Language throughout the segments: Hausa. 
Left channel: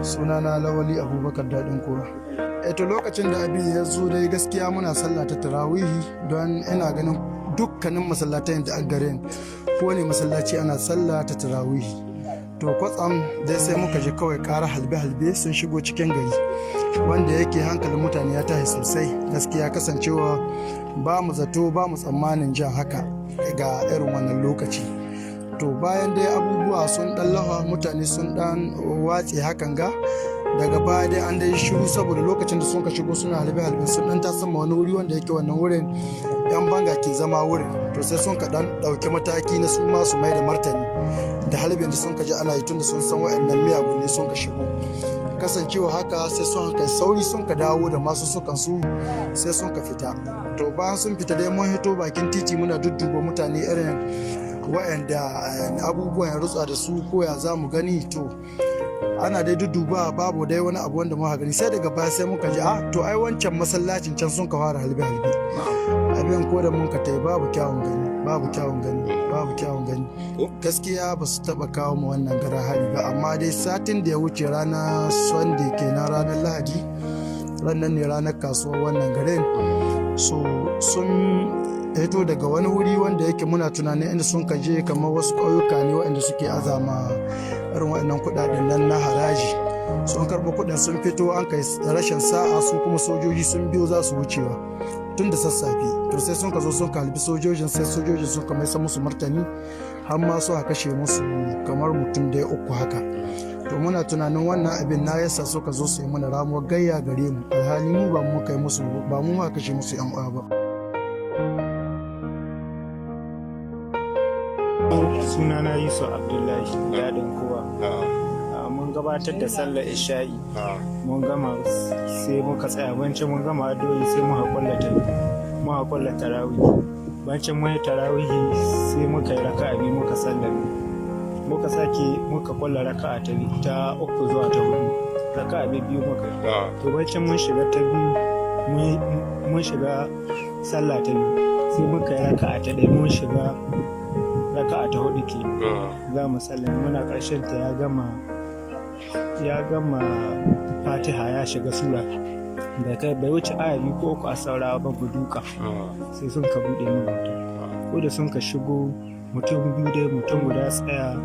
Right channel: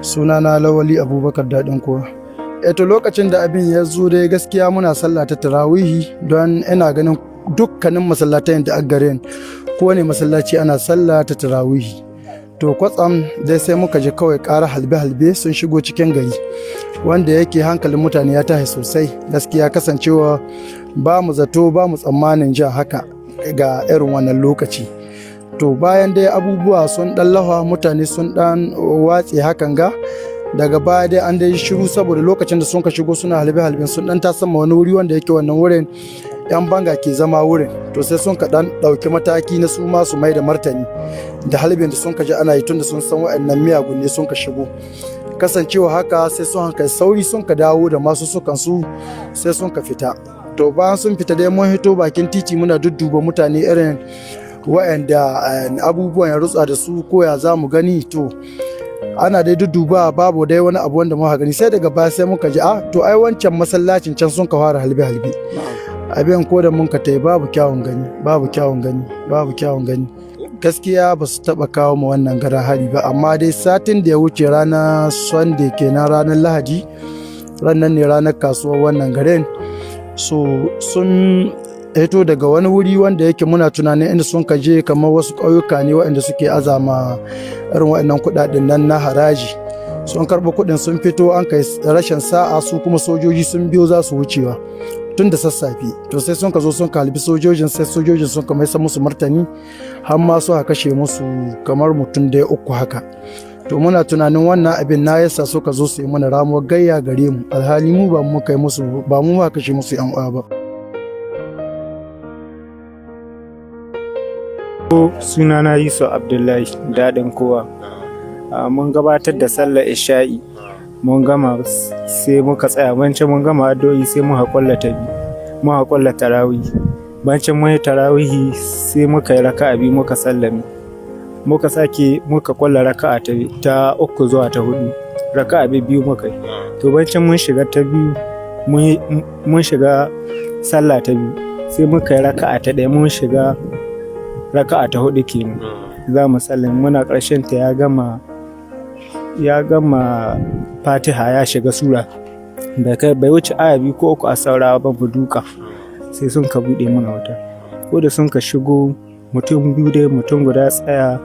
Sunana Lawali Abubakar Daɗin Kowa. Eto lokacin da abin ya zo dai gaskiya muna sallah ta tarawihi don ina ganin dukkanin masallatan da garin kowane masallaci ana sallah ta tarawihi. To kwatsam dai sai muka ji kawai ƙara halbe-halbe sun shigo cikin gari wanda yake hankalin mutane ya tashi sosai gaskiya kasancewa ba mu zato ba mu tsammanin jin haka ga irin wannan lokaci. To bayan dai abubuwa sun ɗan lafa mutane sun ɗan watse hakan ga daga baya dai an dai shiru saboda lokacin da sun ka shigo suna halbe-halben sun ɗan tasamma wani wuri wanda yake wannan wurin yan banga ke zama wurin to sai sun ka ɗan ɗauki mataki na su ma su mai da martani da halbin da sun ka ji ana yi tun da sun san wa'annan miyagun ne sun ka shigo kasancewa haka sai sun kai sauri sun ka dawo da masu sukan su sai sun ka fita. To bayan sun fita dai mun hito bakin titi muna dudduba mutane irin wa'anda abubuwan ya rutsa da su ko ya za mu gani to ana dai dudduba babu dai wani abu wanda muka gani sai daga baya sai muka ji to ai wancan masallacin can sun ka fara halbe-halbe abin ko da mun ka tai babu kyawun gani gaskiya ba su taba kawo mu wannan garan hari ba amma dai satin da ya wuce ranar Sunday kenan ranar Lahadi ranar ne ranar kasuwar wannan garin so sun hito daga wani wuri wanda yake muna tunanin inda sun kaje kamar wasu ƙauyuka ne waɗanda suke azama irin waɗannan kuɗaɗen nan na haraji sun karɓi kuɗin sun fito an kai rashin sa'a su kuma sojoji sun biyo za su wucewa tun da sassafe to sai sun ka zo sun kalbi sojojin sai sojojin sun ka mai musu martani har ma su kashe musu kamar mutum da 3 haka to muna tunanin wannan abin na yasa suka zo su yi mana ramuwar gayya gare mu alhali mu ba mu kai musu ba mu ma kashe musu yan uwa ba. Sunana Yusuf Abdullahi Daɗin Kowa. Mun gabatar da sallar isha'i mun gama sai muka tsaya bancin mun gama addu'o'i sai muka kwalla tarawih bancin mun yi tarawihi sai muka yi raka'a biyu muka sallame muka kwalla raka'a ta 3 zuwa ta 4 raka'a biyu muka yi to bancin mun shiga ta biyu mun shiga sallah ta biyu sai muka yi raka'a ta 1 mun shiga raka'a ta 4 kenan za mu sallame muna ƙarshen ta ya gama Fatiha ya shiga sura da kai bai wuce aya 2 ko 3 a saurawa ba mu duka sai sun ka bude mana wuta ko da sun ka shigo mutum biyu dai mutum guda tsaya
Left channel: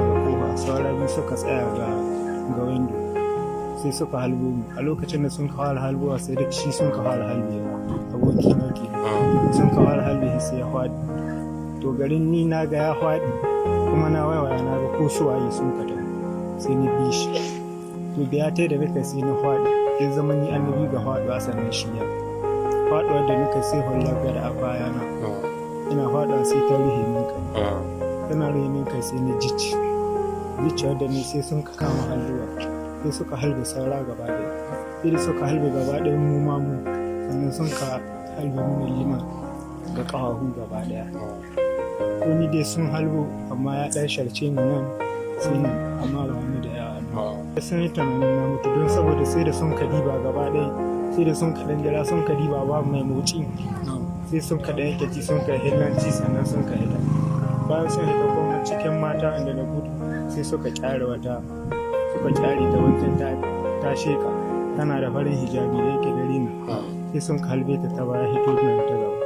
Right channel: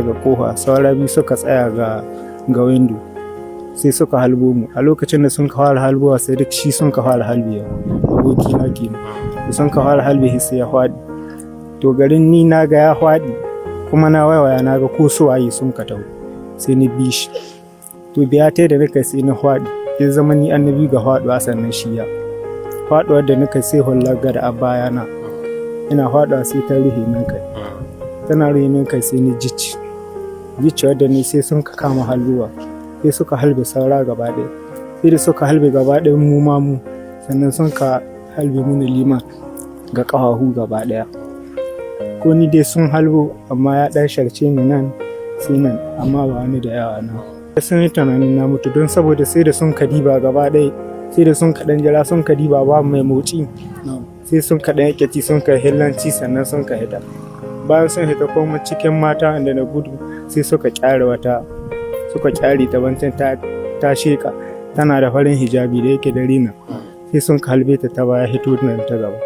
ga kofa saura biyu suka tsaya ga window sai suka halbo mu a lokacin da sun ka fara halbowa sai duk shi sun ka fara halbewa aboki na kenan sun ka fara halbe sai ya faɗi to garin ni na ga ya faɗi kuma na waiwaya na ga ko su waye sun ka taho sai ni bi shi to biya ta da nika sai na faɗi in zama ni annabi ga faɗuwa sannan shi ya faɗuwar da nika sai hullar ga da abaya na ina faɗuwa sai ta ruhe min kai tana ruhe min kai sai ni jici wadda ni sai sun ka kama halluwa sai suka halbe saura gaba ɗaya sai da suka halbe gaba ɗaya mu sannan sun ka halbe mini liman ga ƙafafu gaba ɗaya ko ni dai sun halbo amma ya ɗan sharce ni nan sai nan amma ba wani da yawa nan sun yi tunanin na mutu don saboda sai da sun kadiba gaba ɗaya sai da sun kaɗan jira sun kadiba ba mai motsi sai sun kaɗan yake ci sun kai hillanci sannan sun ka hita bayan sun hita kuma cikin mata inda na gudu sai suka kyare ta wancan ta sheka tana da farin hijabi da yake da rina sai sun ka halbe ta baya hito nan ta gaba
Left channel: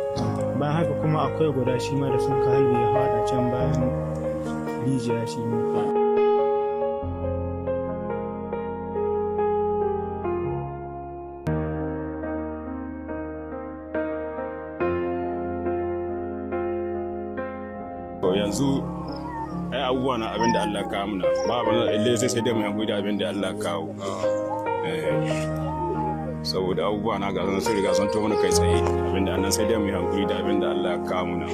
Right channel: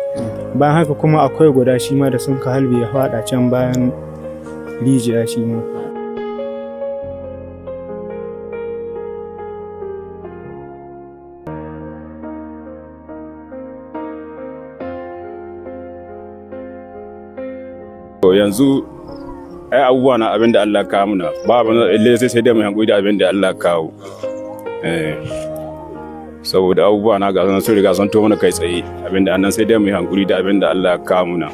bayan haka kuma akwai guda shi ma da sun ka halbe ya fada can bayan rijiya shi ma yanzu ai abubuwa na abin da Allah kawo muna ba abin da sai dai mu hankali da abin da Allah kawo saboda abubuwa na gasan sun riga sun to mana kai tsaye abin da annan sai dai mu hankali da abin da Allah kawo muna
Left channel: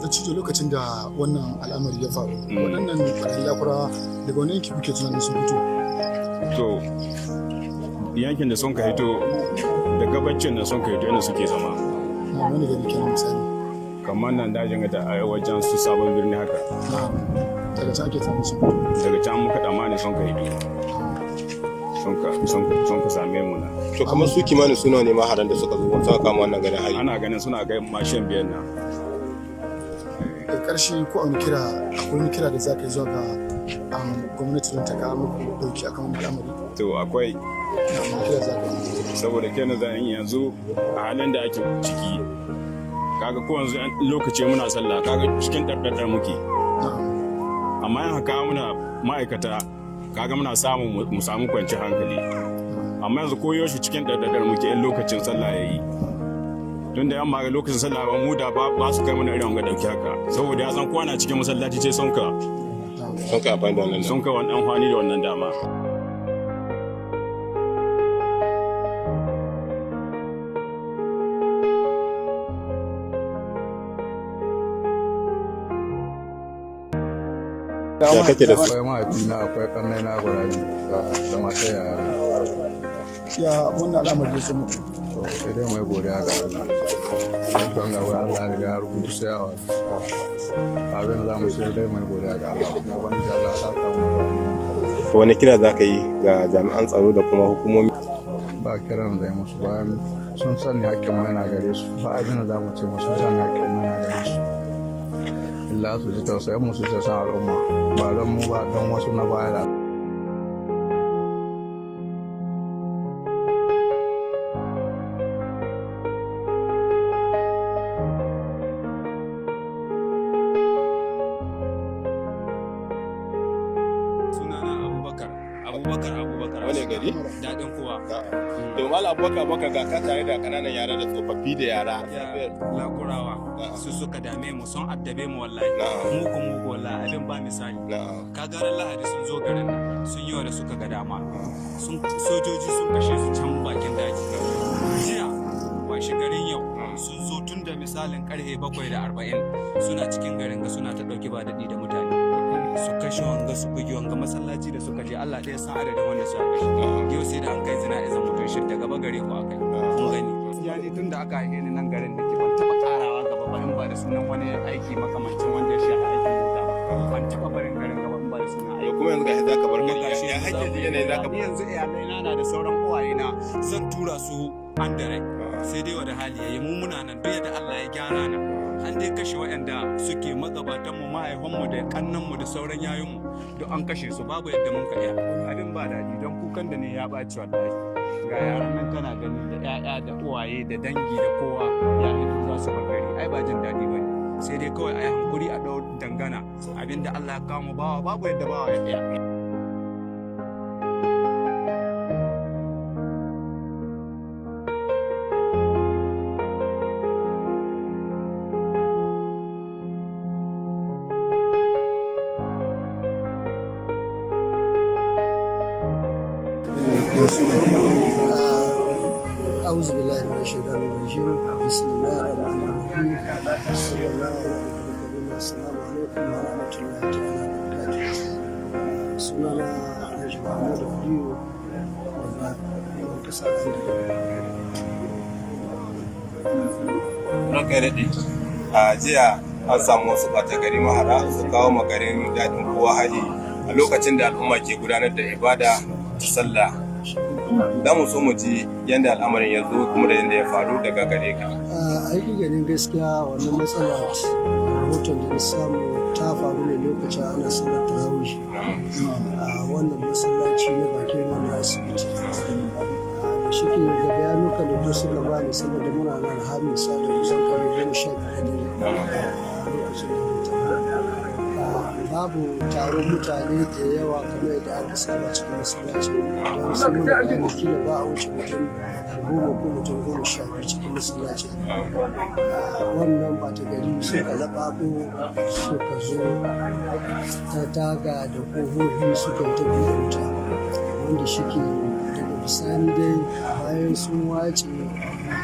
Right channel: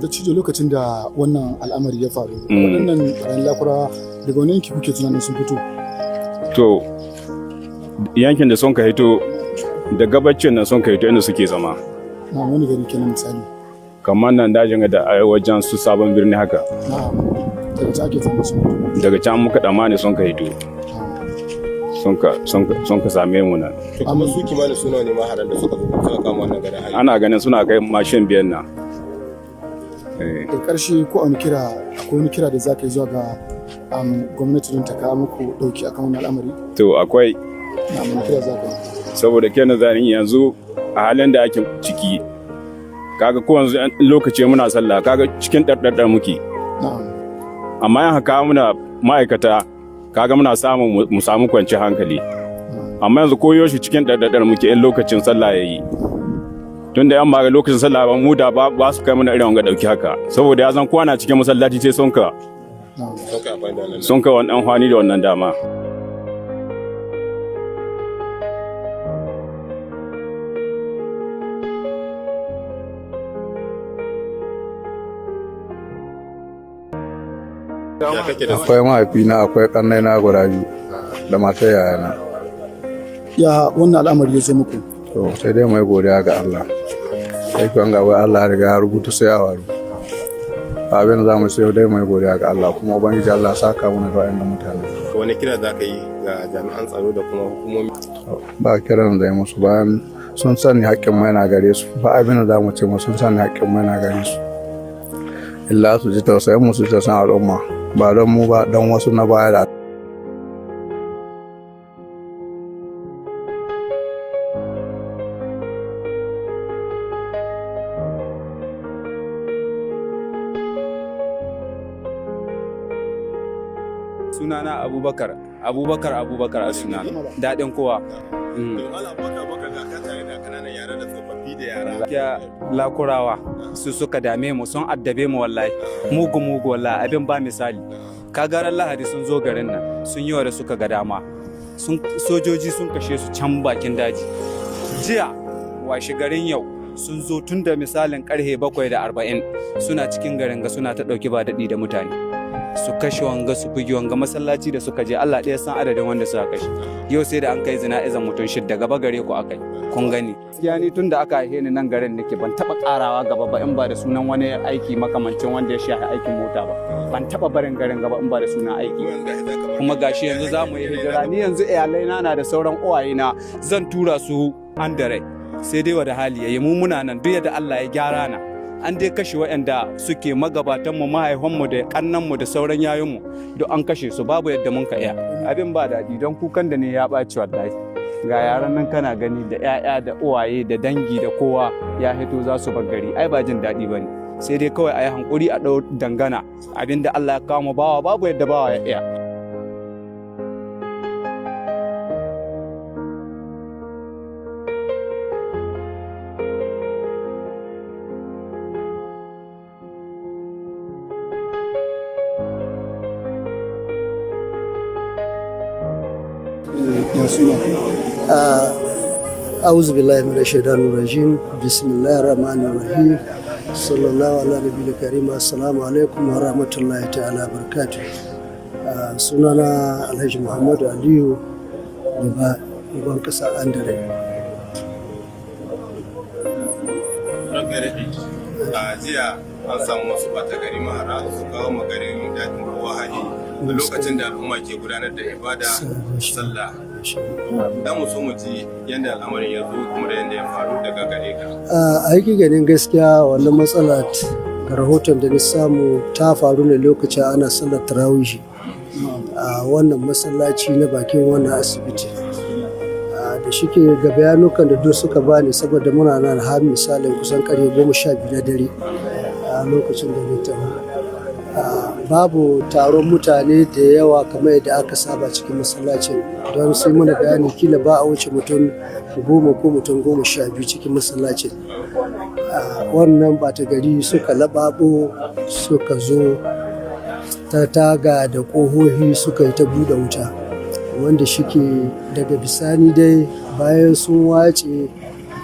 da cije lokacin da wannan al'amari ya faru wannan ran lakura daga wani yanki kuke tunanin sun fito to yankin da sun ka hito da gabacin nan sun ka hito inda suke zama na wani gari kenan misali kamar nan dajin da a wajen su sabon birni haka daga can ake samu sun fito daga can muka damani sun ka hito sun ka same mu nan to kamar su kimanin suna ne maharan da suka zo suka kama wannan garin hali ana ganin suna kai mashin biyan nan da ƙarshe ko wani kira da za ka yi zuwa ga gwamnati don ta kawo muku ɗauki akan wannan al'amari? To akwai, Na mun kira za ka yi. saboda kenan zan yanzu a halin da ake ciki kaga ko yanzu lokaci muna sallah kaga cikin ɗarɗarɗar muke, Na'am. amma yan haka muna ma'aikata kaga muna samun mu samu kwanciyar hankali, amma yanzu koyo shi cikin ɗarɗarɗar muke in lokacin sallah ya yi, tunda yan ba lokacin sallah ba mu da ba su kai mana irin wanga ɗauki haka, saboda ya zan kwana cikin masallaci sai sun ka wani amfani da wannan dama. Akwai mahaifina, akwai ƙannai na guda biyu da matar yayana. Ya wannan al'amari ya zo muku? To sai dai mai godiya ga Allah. Sai kuwan gaba Allah ya riga ya rubuta sai ya waru. Abin da za mu sai dai mai godiya ga Allah, kuma ubangiji Allah ya saka mu ga wayannan mutane. Wani kira za ka yi ga jami'an tsaro da kuma hukumomi? Ba kiran zai musu bayan sun sani haƙƙin mai na gare su. Ba abin da za mu ce mu sun sani haƙƙin mai na gare su. Illa su ji tausayin mu, su ji tausayin al'umma. Ba don mu ba, don wasu na baya da sunana Abubakar a suna daɗin kowa. To Malam Abubakar ga ka tare da kananan yara da tsofaffi da yara. Ya lakurawa su suka dame mu, sun addabe mu wallahi. Mugu wallahi, abin ba misali. Kagaran Lahadi sun zo garin nan sun yi wa da suka ga dama. Sojoji sun kashe su can bakin daji. Jiya washe garin yau sun zo tun da misalin karhe 7:40 suna cikin garin ga suna ta ɗauki ba daɗi da mutane. Su kashe wanga su bugi wanga masallaci da suka je, Allah ɗaya san adadin wanda suka kashe. Yau sai da an kai zina'izan mutum 6 gaba gare ku akai, kun gani. Ya ni tun da aka haife ni nan garin nake ban taɓa ƙarawa gaba ba in ba da sunan wani aiki makamancin wanda ya shafi aikin mota ba. Ban taɓa barin garin gaba in ba da sunan aiki. Kuma gashi yanzu za mu yi hijira, ni yanzu iyalaina na da sauran uwayena zan tura su an da rai. Sai dai wada hali yayi mu muna nan duk yadda Allah ya gyara na. An dai kashe waɗanda suke magabatanmu, mahaifanmu da kannanmu da sauran yayinmu duk an kashe su, babu yadda mun ka iya. Abin ba daɗi don kukan da ne ya ɓaci wallahi. Ga yaran nan kana gani da 'ya'ya da uwaye da dangi da kowa ya hito za su bar gari, ai ba jin daɗi ba ne. Sai dai kawai a yi hankuri a ɗau dangana, abin da Allah ya kawo mu bawa babu yadda bawa ya iya. أعوذ بالله من الشيطان الرجيم بسم الله الرحمن الرحيم صلى الله على نبي الكريم السلام عليكم ورحمة الله تعالى وبركاته. sunana Alhaji Muhammadu Aliyu daga Uban Kasa Andare. Ranka daɗe, a jiya an samu wasu ɓata gari mahara su kawo magarin daɗin kowa hali a lokacin da al'umma ke gudanar da ibada sallah. Da mu so mu ji yadda al'amarin ya zo kuma da yadda ya faru daga gare ka. A ganin gaskiya wannan matsala ga rahoton da na samu ta faru ne lokacin ana sallar tarawih a wannan masallaci na bakin wannan asibiti. Da shike ga bayanukan da duk suka bani saboda muna nan har misalin kusan karfe 12 na dare a lokacin da na babu taron mutane da yawa kamar yadda aka saba cikin masallacin, don sai mana bayani kila ba a wuce mutum 10 ko mutum 12 cikin masallacin. Wannan bata gari suka laɓaɓo suka zo ta taga da ƙohohi suka yi ta buɗe wuta, wanda shike daga bisani dai bayan sun wace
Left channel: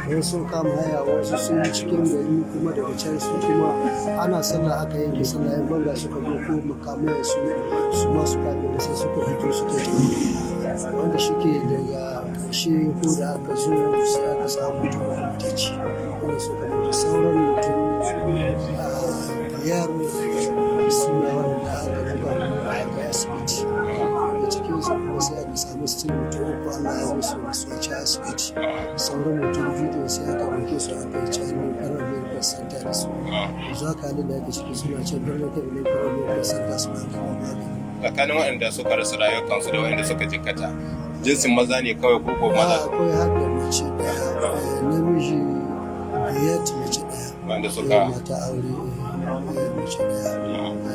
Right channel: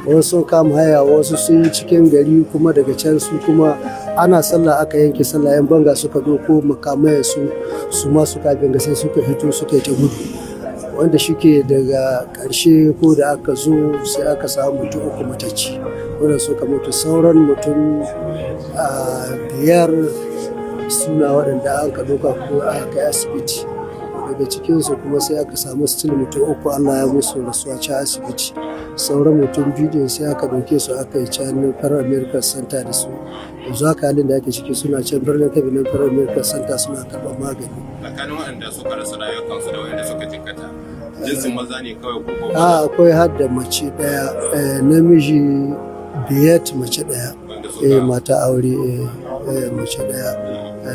wasu sun kama haya, wasu sun yi cikin gari, kuma daga can su kuma ana sallah aka yanke sallah, yan banga suka doko makamai su ma suka binga sai suka fito suka yi ta gudu, wanda shike daga ƙarshe ko da aka zo sai aka samu mutum 3 matacci, wanda suka mutu. Sauran mutum 5 suna waɗanda an ka doka ko a kai asibiti. daga cikinsu kuma sai aka samu still mutum 3 Allah ya musu rasuwa can asibiti. Sauran mutum 2 din sai aka ɗauke su aka yi can Federal Medical Center da su. Yanzu haka halin da ake ciki suna can birnin Kebbi Federal Medical Center suna karɓar magani. Tsakanin waɗanda suka rasa rayukansu da waɗanda suka jikkata jinsin maza ne kawai ko maza? Akwai har da mace ɗaya, namiji 5 mace ɗaya, mata aure mace ɗaya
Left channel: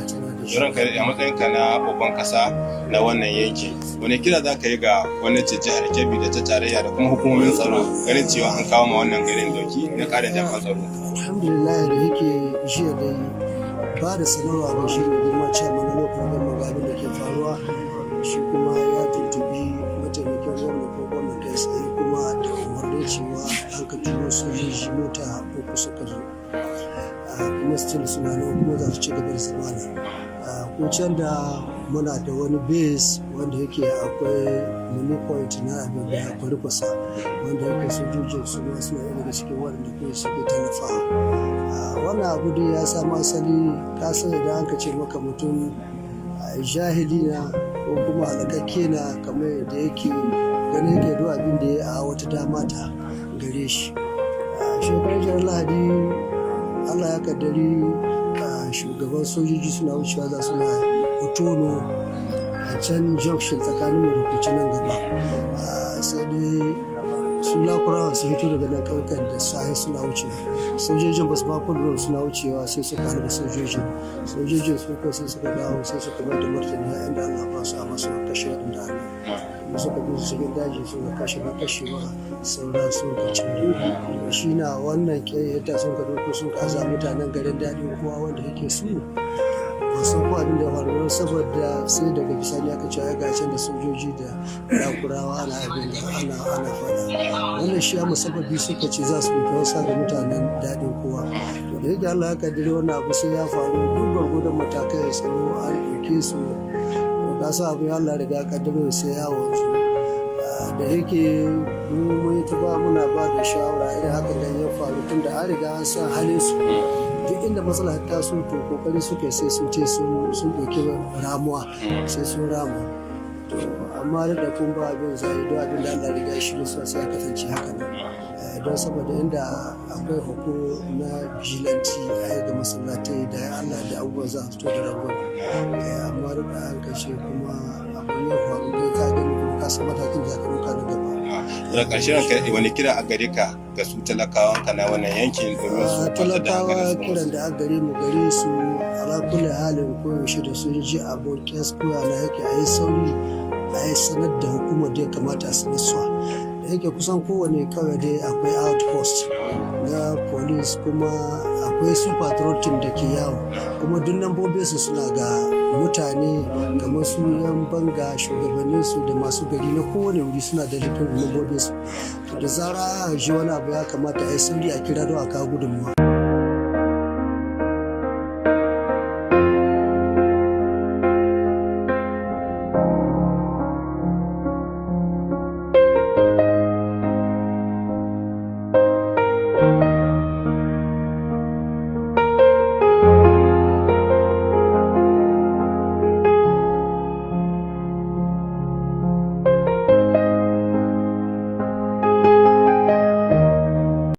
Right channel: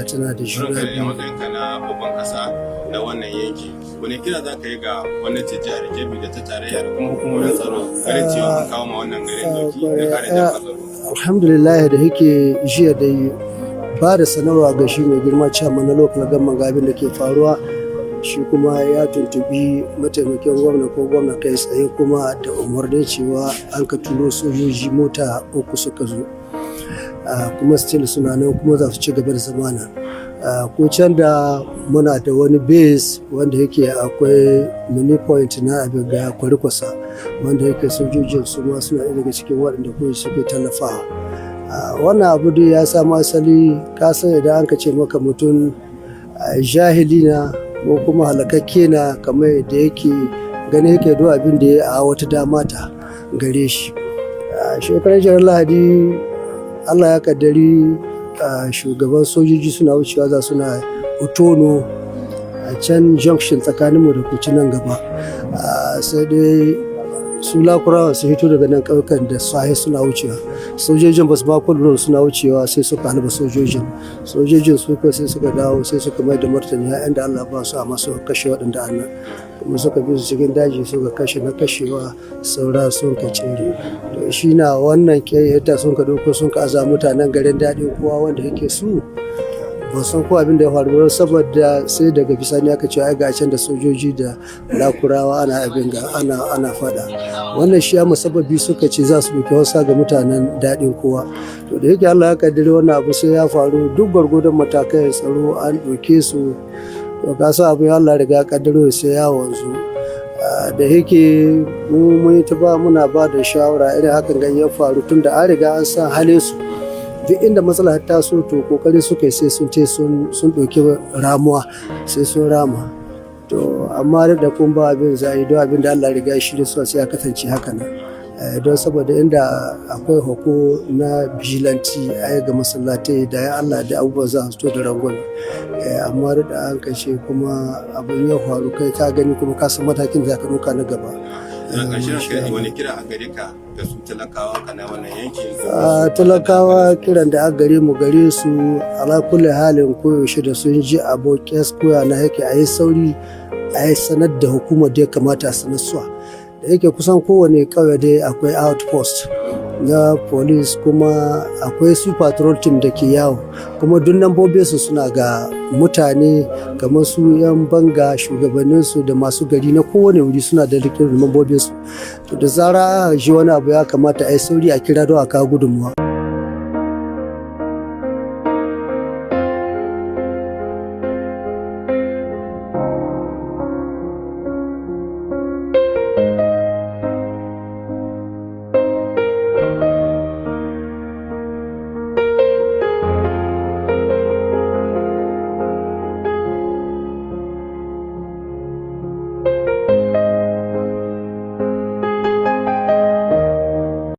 tana da shi. Ranka a matsayinka na babban kasa na wannan yanki, wani kira za ka yi ga gwamnatin jihar Kebbi da ta tarayya da kuma hukumomin tsaro ganin cewa an kawo ma wannan garin dauki da kare jami'an tsaro? Alhamdulillah da yake jiya dai ba da sanarwa ga shi mai girma chairman na local government ga abin da ke faruwa, shi kuma ya tuntubi mataimakin gwamna ko gwamna kai tsaye kuma da umarni cewa an ka turo sojoji mota 3 suka zo, kuma still suna nan kuma za su ci gaba da zamana. Ko can da muna da wani base wanda yake akwai mini point na abin ga kwarikwasa wanda yake sojojin su ma suna daga cikin waɗanda kuma suke tallafawa. Wannan abu dai ya samu asali kasan idan an ka ce maka mutum jahili na ko kuma halakakke na kamar yadda yake gani yake do abin da ya a wata dama ta gare shi. Shekarar jihar Lahadi Allah ya kaddari shugaban sojoji suna wucewa za suna Utono a can junction tsakaninmu da kuci nan gaba, sai dai su lakurawa su fito daga nan ƙauyukan da sahi suna wucewa, sojojin ba su ba kullum suna wucewa sai suka halba sojojin su ko sai suka dawo sai suka mai da martani ya da Allah ba su a masu kashe waɗanda annan kuma suka bi su cikin daji suka kashe na kashewa saura sun ka cire. Shi na wannan yadda sun ka doko sun ka aza mutanen garin daɗin kowa wanda yake su ba san ko abin da ya faru saboda sai daga bisani aka ce ai ga can da sojoji da lakurawa ana abin ga ana fada. Wannan shi ya musabbabi suka ce za su ɗauki wasa ga mutanen daɗin kowa. To da yake Allah ya kaddare wannan abu sai ya faru duk gwargwadon matakai tsaro an ɗauke su. To ka sa abin Allah riga kaddaro sai ya wanzu. Da yake mun yi ta muna ba da shawara irin hakan ga ya faru tun da an riga an san halin su. Duk inda matsala ta so to kokari suka sai sun ce sun ɗauki ramuwa sai sun rama. To amma da kun ba abin zai don abin da Allah riga shi da su sai ya kasance haka nan. Don saboda inda akwai hoko na bijilanti a ga masallatai da ya Allah da abubuwa za su to da rangon. Amma da an kashe kuma abin ya faru kai ka gani kuma ka san matakin da ka ɗauka na gaba. Da ƙarshen kai wani kira a gare ka ga su talakawan ka na wannan yankin? Talakawa kiran da aka gare mu gare su ala kulli halin koyaushe da sun ji abokin koya na yake a yi sauri a yi sanar da hukumar da ya kamata a sanar suwa. Da yake kusan kowane ƙauye dai akwai outpost na police kuma akwai su patrol team da ke yawo kuma duk lambobinsu suna ga mutane kamar su yan banga shugabanninsu da masu gari na kowane wuri suna da lambobinsu. To da zara a ji wani abu ya kamata a yi sauri a kira don a kawo gudunmuwa.